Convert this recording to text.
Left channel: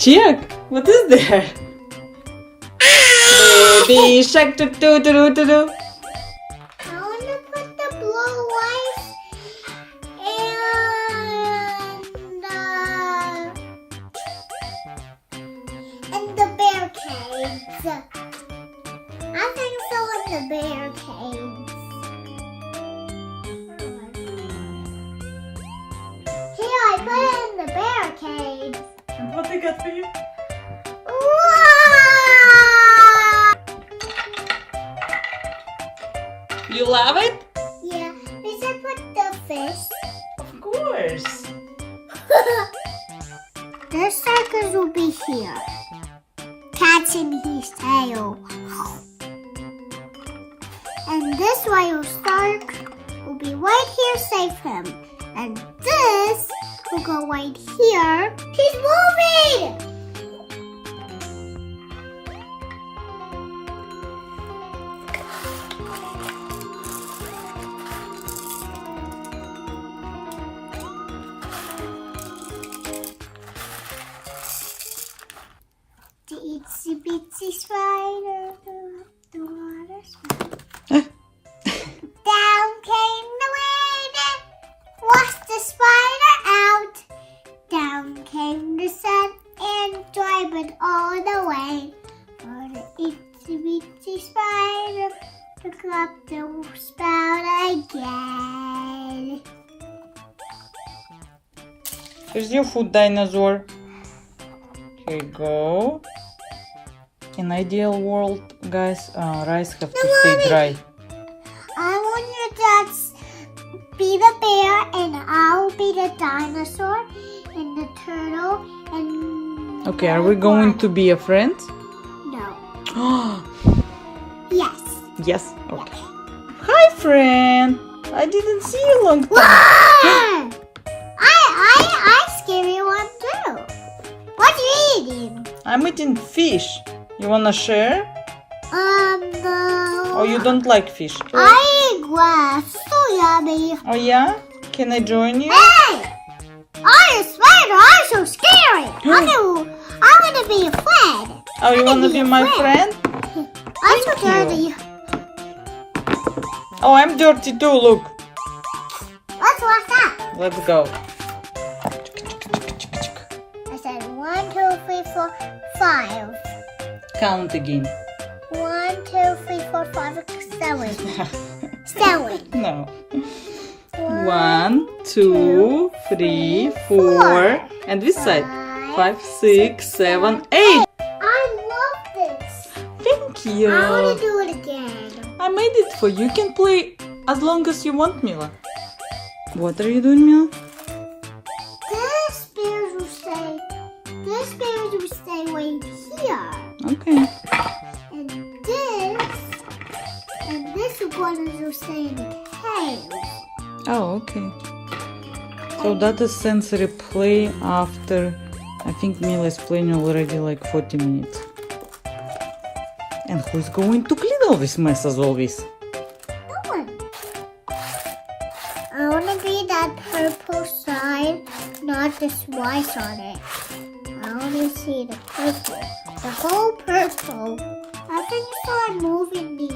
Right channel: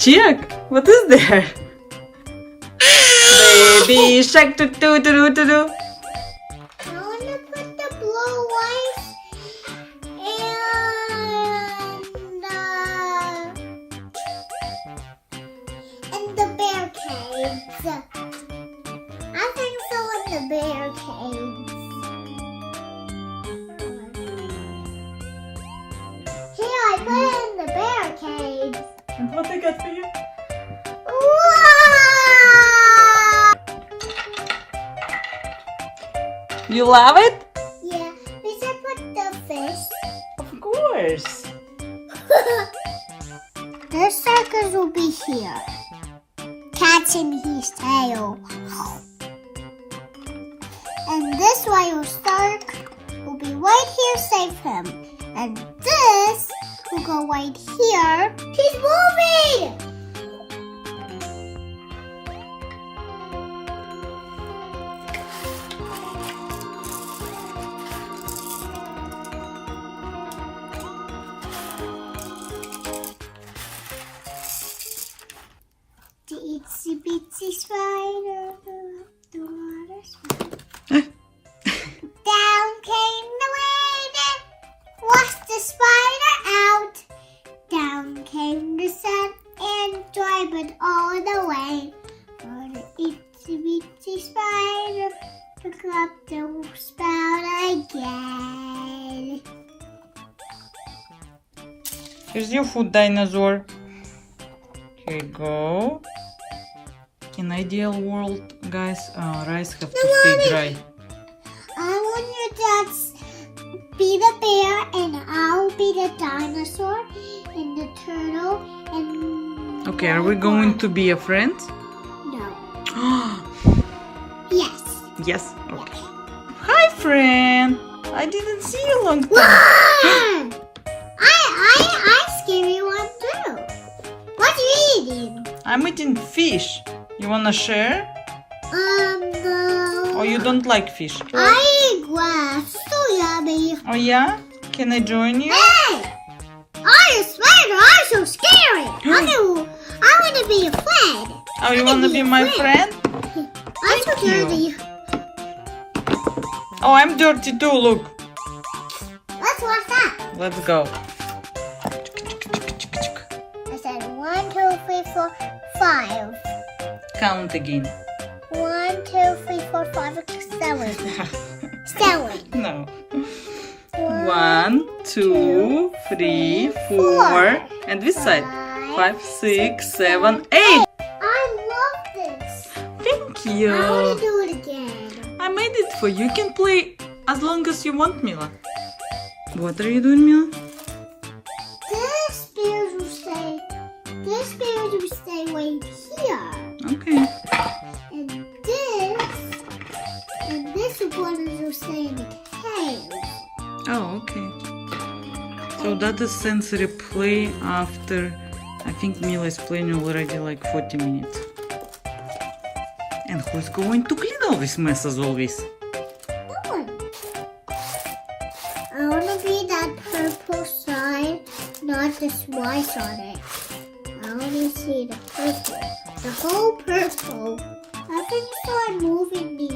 Check. What is there? Baby shark do do do do do. I want to put the blue lights and the bear caves. I think so in the bear caves. Here, I put it in the bear caves. And what I got for you? Wow! You love it? Yeah, we should put the fish. Of course. The circus will be here, catching his tail. And this royal shark will be right here, save him. And this will go right here. He's moving! The itsy bitsy spider, the water spider. Down came the rain, washed the spider out. Down came the sun and dried it all the way. Oh, the itsy bitsy spider took up the spout again. Here's your food, dinosaur. Here you go. In ideal world, guys, rice have to stay dry. I want you to be the bear and I'll be the dinosaur and the turtle and Okay, are we going to be a friend? No. Yes. Yes. Okay. Hi, friend. I didn't see you long time. I scary one too. What are you eating? I'm eating fish. You wanna share? No. Or you don't like fish? I eat grass. So yummy. Oh yeah? Can I join you? Hey! I'm a spider. I'm so scary. I want to be a friend. Oh, you wanna be my friend? I'm so Thank you. dirty. Oh, I'm dirty too, look. What's that? Let's go. I said 1, 2, 3, 4, 5. Count again. 1, 2, 3, 4, 5, 6, 7. 7. No. 1, 2, 3, 4. And this side. 5, 6, 7, 8. I love this. Thank I want you. to do it again. I made it for you. You can play as long as you want, Mila. What are you doing, Mila? This bears will stay right here. Okay. And this one will stay in the cave. Oh, okay. So that is sensory play after, I think Mila is playing already like 40 minutes. And who's going to clean all this mess as always? No one. I want to be that purple side, not this white on it. I want to see the purple. The whole purple. I think so I'm moving the